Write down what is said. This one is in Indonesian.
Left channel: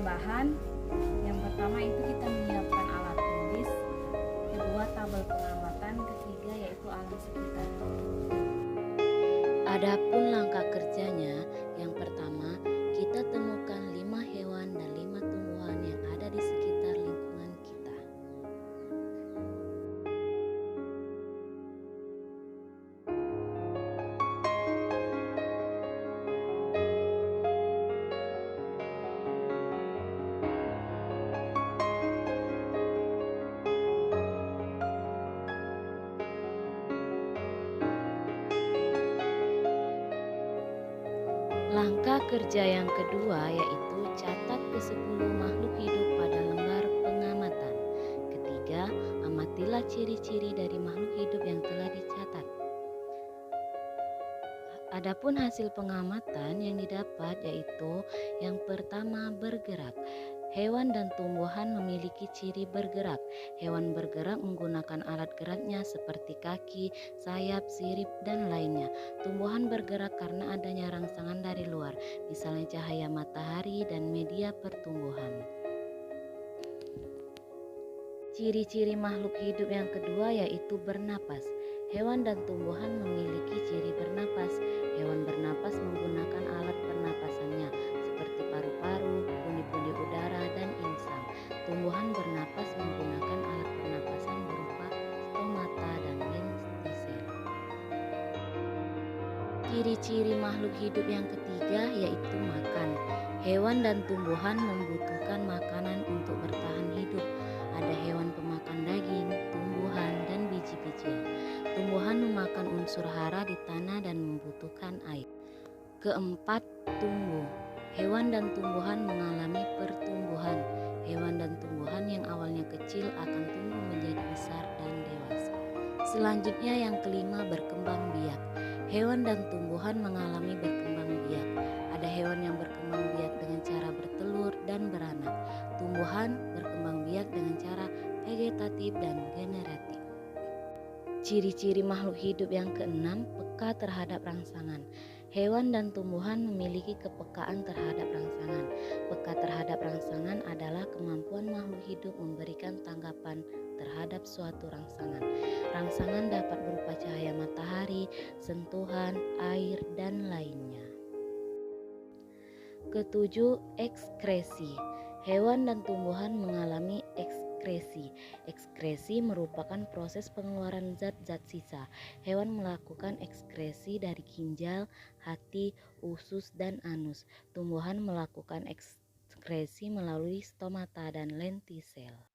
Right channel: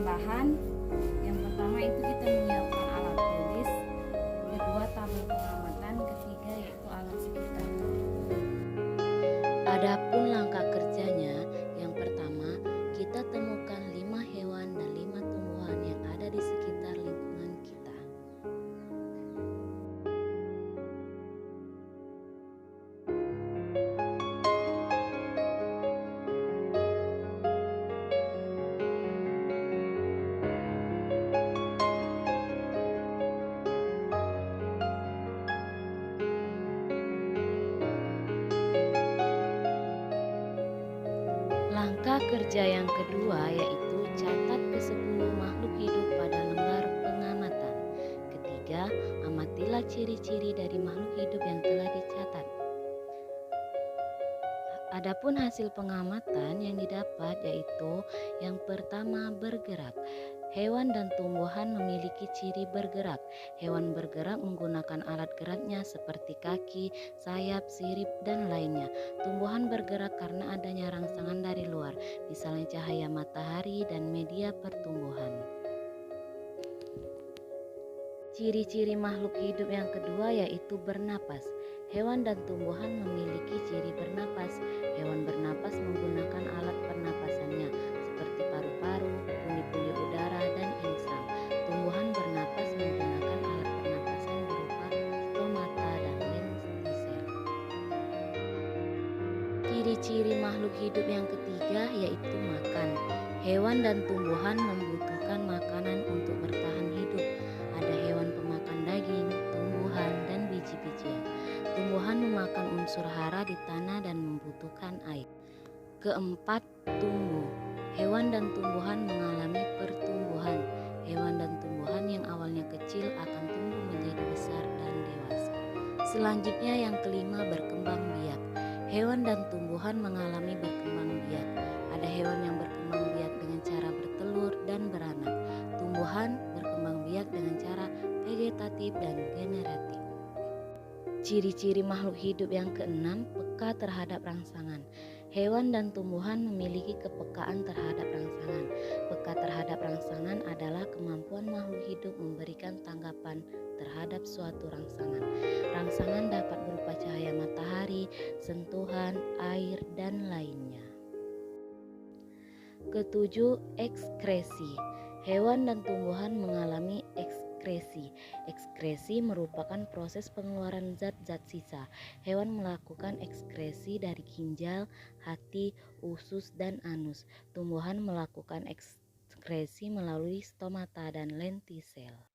bahan-bahan. Yang pertama itu kita menyiapkan alat tulis, kedua tabel pengamatan, ketiga yaitu alam sekitar. Adapun langkah kerjanya, yang pertama kita temukan 5 hewan dan 5 tumbuhan yang ada di sekitar lingkungan kita. Langkah kerja yang kedua yaitu catat ke-10 makhluk hidup pada lembar pengamatan. Ketiga, amatilah ciri-ciri dari makhluk hidup yang telah dicatat. Adapun hasil pengamatan yang didapat yaitu yang pertama bergerak. Hewan dan tumbuhan memiliki ciri bergerak. Hewan bergerak menggunakan alat geraknya seperti kaki, sayap, sirip, dan lainnya. Tumbuhan bergerak karena adanya rangsangan dari luar, misalnya cahaya matahari dan media pertumbuhan. Ciri-ciri makhluk hidup yang kedua yaitu bernapas. Hewan dan tumbuhan memiliki ciri bernapas. Hewan bernapas menggunakan alat pernapasannya seperti paru-paru, pundi-pundi udara, dan insang. Tumbuhan bernapas menggunakan alat pernapasan berupa stomata dan lentisel. Ciri-ciri makhluk hidup yang ketiga yaitu makan. Hewan dan tumbuhan membutuhkan makanan untuk bertahan hidup. Ada hewan pemakan daging, tumbuhan, dan biji-bijian. Tumbuhan memakan unsur hara di tanah dan membutuhkan air. Keempat, tumbuh. Hewan dan tumbuhan mengalami pertumbuhan. Hewan dan tumbuhan yang awalnya kecil akan tumbuh menjadi besar dan dewasa. Selanjutnya yang kelima, berkembang biak. Hewan dan tumbuhan mengalami berkembang biak. Ada hewan yang berkembang biak dengan cara bertelur dan beranak. Tumbuhan berkembang biak dengan cara vegetatif dan generatif. Ciri-ciri makhluk hidup yang keenam, peka terhadap rangsangan. Hewan dan tumbuhan memiliki kepekaan terhadap rangsangan. Peka terhadap rangsangan adalah kemampuan makhluk hidup memberikan tanggapan terhadap suatu rangsangan. Rangsangan dapat berupa cahaya matahari, sentuhan, air, dan lainnya. Ketujuh, ekskresi. Hewan dan tumbuhan mengalami ekskresi. Ekskresi merupakan proses pengeluaran zat-zat sisa. Hewan melakukan ekskresi dari ginjal, hati, usus, dan anus. Tumbuhan melakukan ekskresi melalui stomata dan lentisel.